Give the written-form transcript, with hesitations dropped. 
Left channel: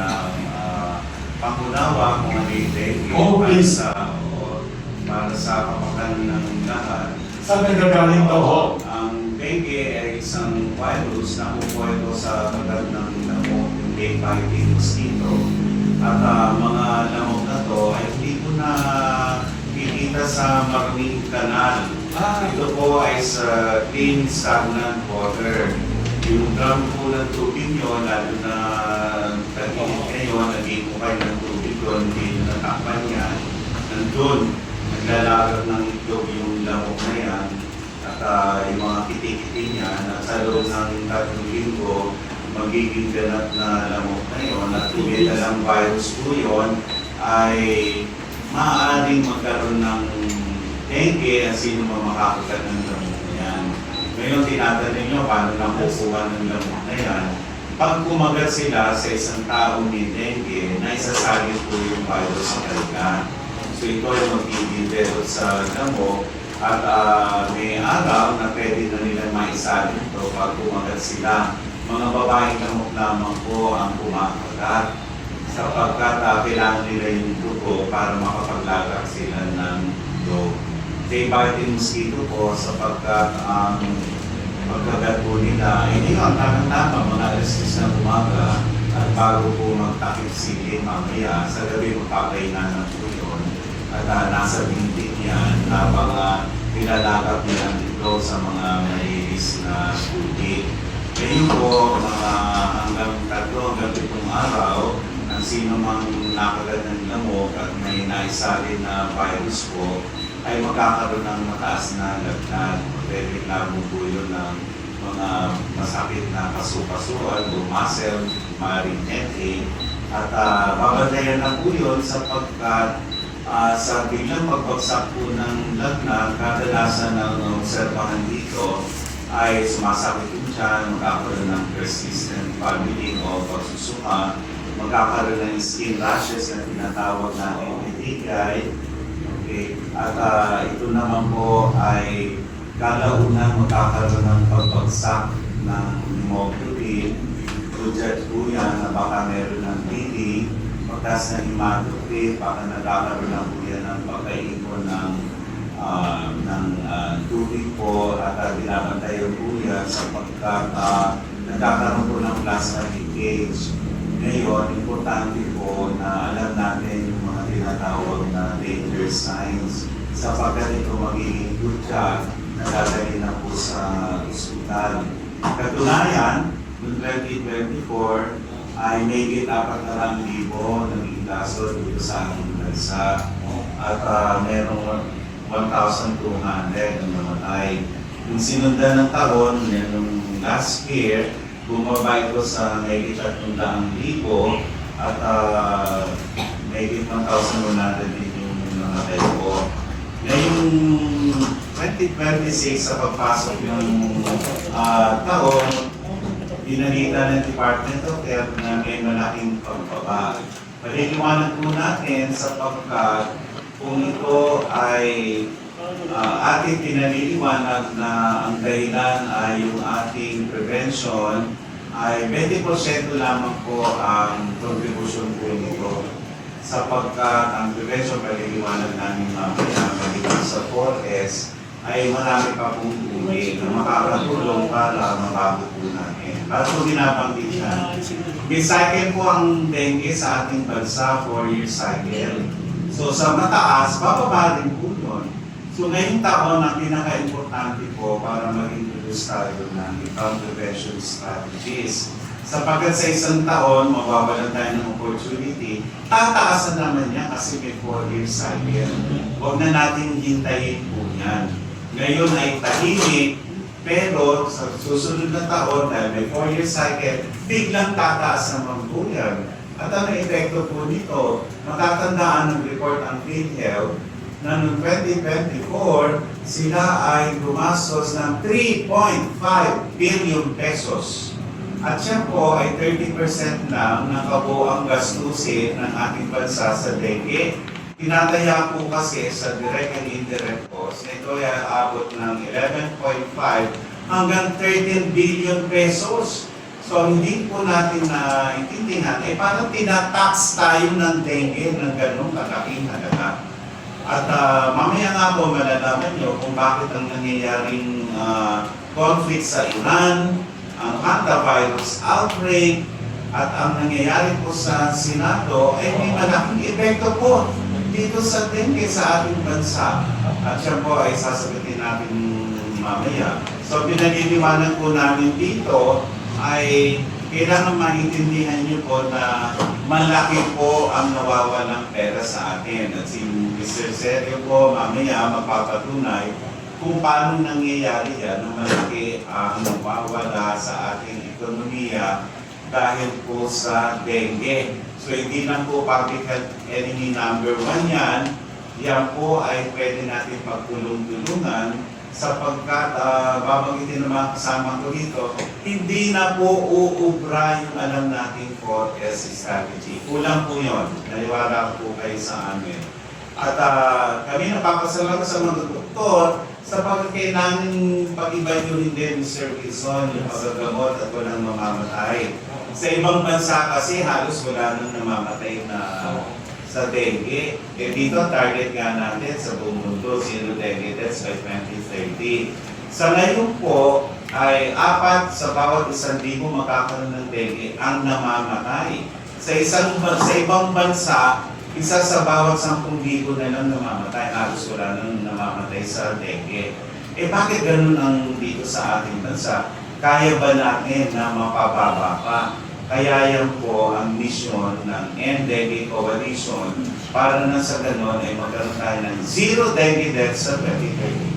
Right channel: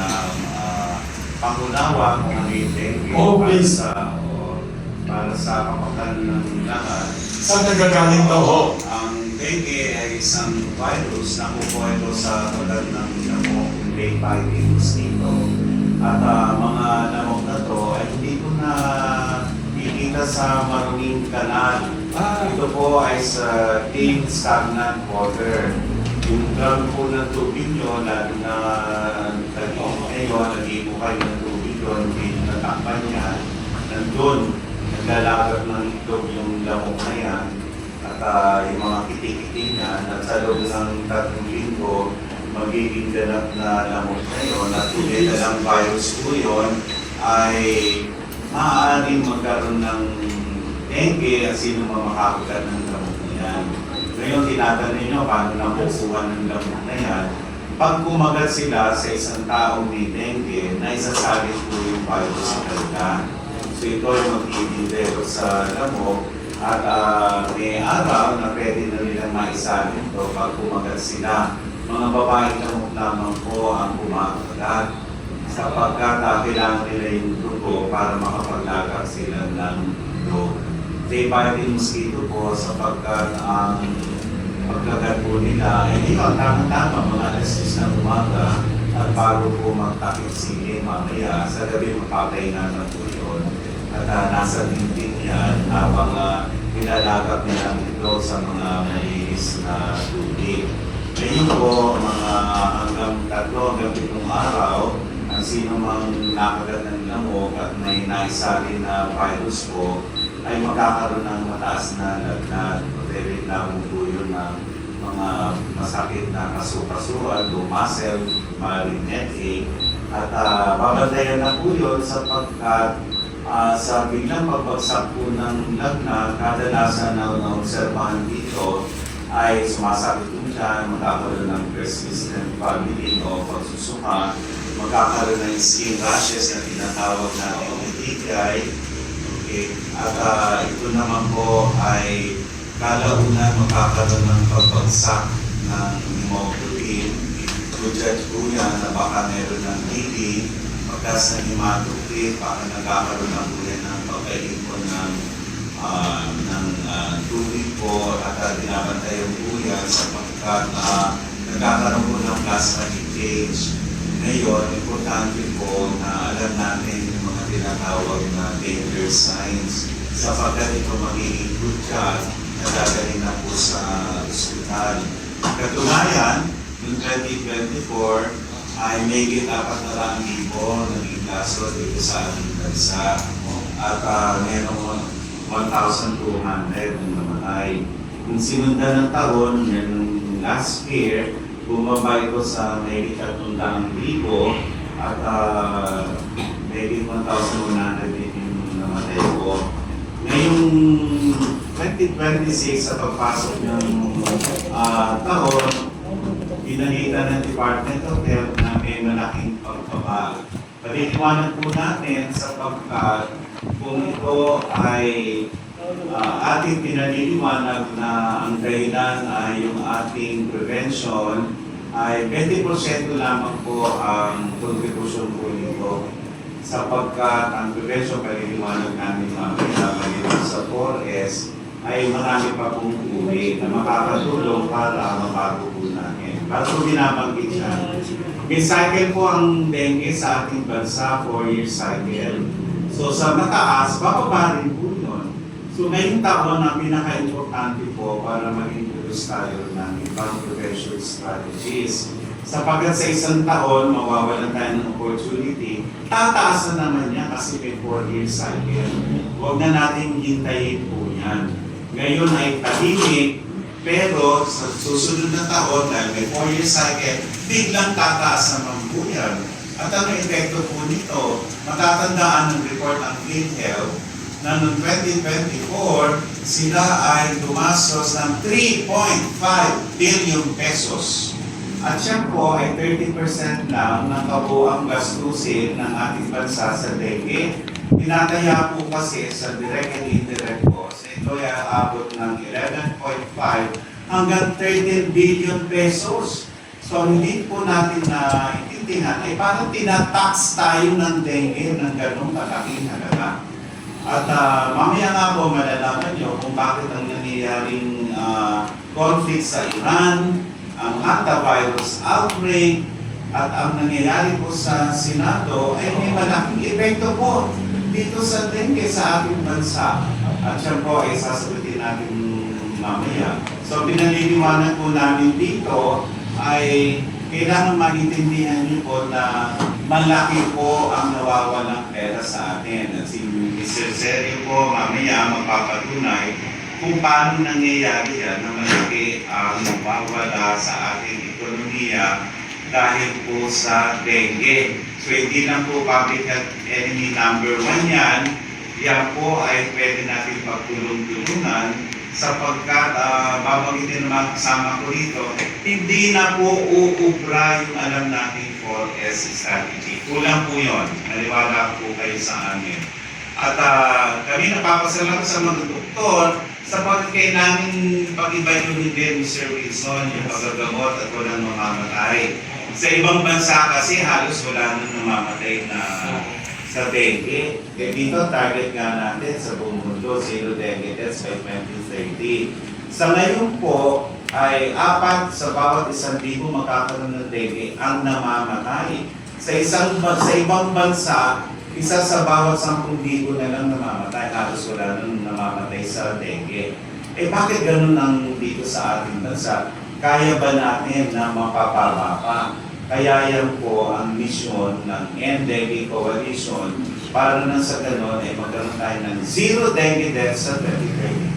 ng pangunawa kung ano yung dengue please. para sa kapakanan ng lahat. Saan nagagaling to ho? Ang dengue ay isang virus na kumuha ito sa kagat ng lamok, yung day-biting mosquito. At mga lamok na to ay hindi ko na kikita sa maruming kanal. Ito po ay sa clean, stagnant water. Yung drum po ng tubig nyo, lalo na tag-init ngayon, nag-ipo kayo ng tubig doon, hindi natakpan yan. Nandun, naglalagat ng itlog yung lamok na yan at yung mga kiti-kiti niya at sa loob ng 3 linggo magiging ganap na lamok na yun at lang virus po yun ay maaaring magkaroon ng dengue at sino makakagat ng lamok na yan. Ngayon tinatanong nyo paano nakukuha ng lamok na yan. Pag kumagat sila sa isang taong may dengue, naisasalit po yung virus sa kanila. So ito ay mag-i-develop sa lamok at may araw na pwede na nilang maisalin ito pag kumagat sila. Mga babaeng lamok lamang po ang kumakagat sapagkat kailangan nila yung dugo para makapaglaga sila ng dugo. Day-biting mosquito po sapagkat ang pagkagat po nila ay hindi ang tamang-tama mga alas 10 ng umaga at bago po magtakip sili mamaya sa gabi magpapahinga ng po yun. At nasa dingding yan habang nilalagap nila ito sa mga malinis na tubig. Ngayon po, mga hanggang 3 hanggang 7 araw, ang sino mang nakagat ng lamok at may naisalin na virus po, ay magkakaroon ng mataas na lagnat. Very labo po yun ng mga masakit na kaso-kasuan, muscle, maaaring headache, at babantayan na po yun sapagkat sa biglang pagbagsak po ng lagnat, kadalasan ng obserbahan dito ay sumasakit yung tiyan, magkakaroon ng persistent vomiting o pagsusuka, magkakaroon ng skin rashes na tinatawag natin petechiae. Okay. At ito naman po ay kalaunan magkakaroon ng pagbagsak ng hemoglobin. Judge po yan na baka meron ng bleeding, pagkas ng hematocrit, baka nagkakaroon na po yan ng pagkaipon ng tubig po at binabantayan po yan sapagkat nagkakaroon po ng plasma leakage. Ngayon, importante po na alam natin yung mga tinatawag na danger signs sapagkat ito magiging good na dadalhin na po sa ospital. Katunayan, yung 2024 ay may 400,000 naging kaso dito sa ating bansa at merong 1,200 na namatay. Yung sinundan ng taon, yung last year, bumaba ito sa may 300,000 at may 1,100 din yung namatay po. Ngayong 2026 sa pagpasok ng taon, pinalita ng Department of Health na may malaking pagbaba. Paliliwanag po natin sa pagkat kung ito ay ating pinaliliwanag na ang dahilan ay yung ating prevention ay 20% lamang po ang kontribusyon po nito. Sapagkat ang prevention, paliliwanag namin mamaya, maliban sa 4S, ay marami pa pong uri na makakatulong para mabago po namin. Bago binabanggit yan, may cycle po ang dengue sa ating bansa, 4-year cycle. So sa mataas, bababa rin po yun. So ngayong taon, ang pinaka-importante po para mag-introduce tayo ng ibang prevention strategies. Sapagkat sa isang taon, mawawalan tayo ng opportunity, tataas na naman niya kasi may 4-year cycle. Huwag na natin hintayin po yan. Ngayon ay tahimik, pero sa susunod na taon, dahil may 4-year cycle, biglang tataas naman po yan. At ang epekto po nito, matatandaan ng report ng PhilHealth na noong 2024, sila ay gumastos ng 3.5 billion pesos. At siya po ay 30% lang ng kabuang gastusin ng ating bansa sa dengue. Tinataya po kasi sa direct and indirect costs, ito ay aabot ng 11.5 hanggang 13 billion pesos. So hindi po natin na intindihan, ay parang tinatax tayo ng dengue ng ganong kalaking halaga. At mamaya nga po malalaman nyo kung bakit ang nangyayaring conflict sa Iran, ang hantavirus outbreak, at ang nangyayari po sa Senado ay may malaking epekto po dito sa dengue sa ating bansa. At siya po ay sasagutin natin mamaya. So pinaliliwanag po namin dito ay kailangan maintindihan niyo po na malaki po ang nawawalang pera sa atin. At si Mr. Sergio po mamaya magpapatunay kung paano nangyayari yan na malaki ang nawawala sa ating ekonomiya dahil po sa dengue. So hindi lang po public health enemy number 1 yan, yan po ay pwede natin pagtulong-tulungan sapagkat babagitin naman kasama ko dito, hindi na po uubra yung alam natin 4S strategy. Kulang po yun. Naliwala po kayo sa amin. At kami napapasalamat sa mga doktor sapagkat kailangan pag-iba yun din, Mr. Wilson, yung pagagamot at walang mamamatay. Sa ibang bansa kasi halos wala nang namamatay na sa dengue. Eh dito, target nga natin sa buong mundo, 0 dengue deaths by 2030. Sa ngayon po, ay 4 sa bawat 1,000 magkakaroon ng dengue ang namamatay. Sa ibang bansa, 1 sa bawat 10,000 na lang namamatay, halos wala nang namamatay sa dengue. Eh bakit ganun ang dito sa ating bansa? Kaya ba natin na mapababa pa? Kaya yan po ang mission ng End Dengue Coalition para na sa ganon ay magkaroon tayo ng 0 dengue deaths sa 2030.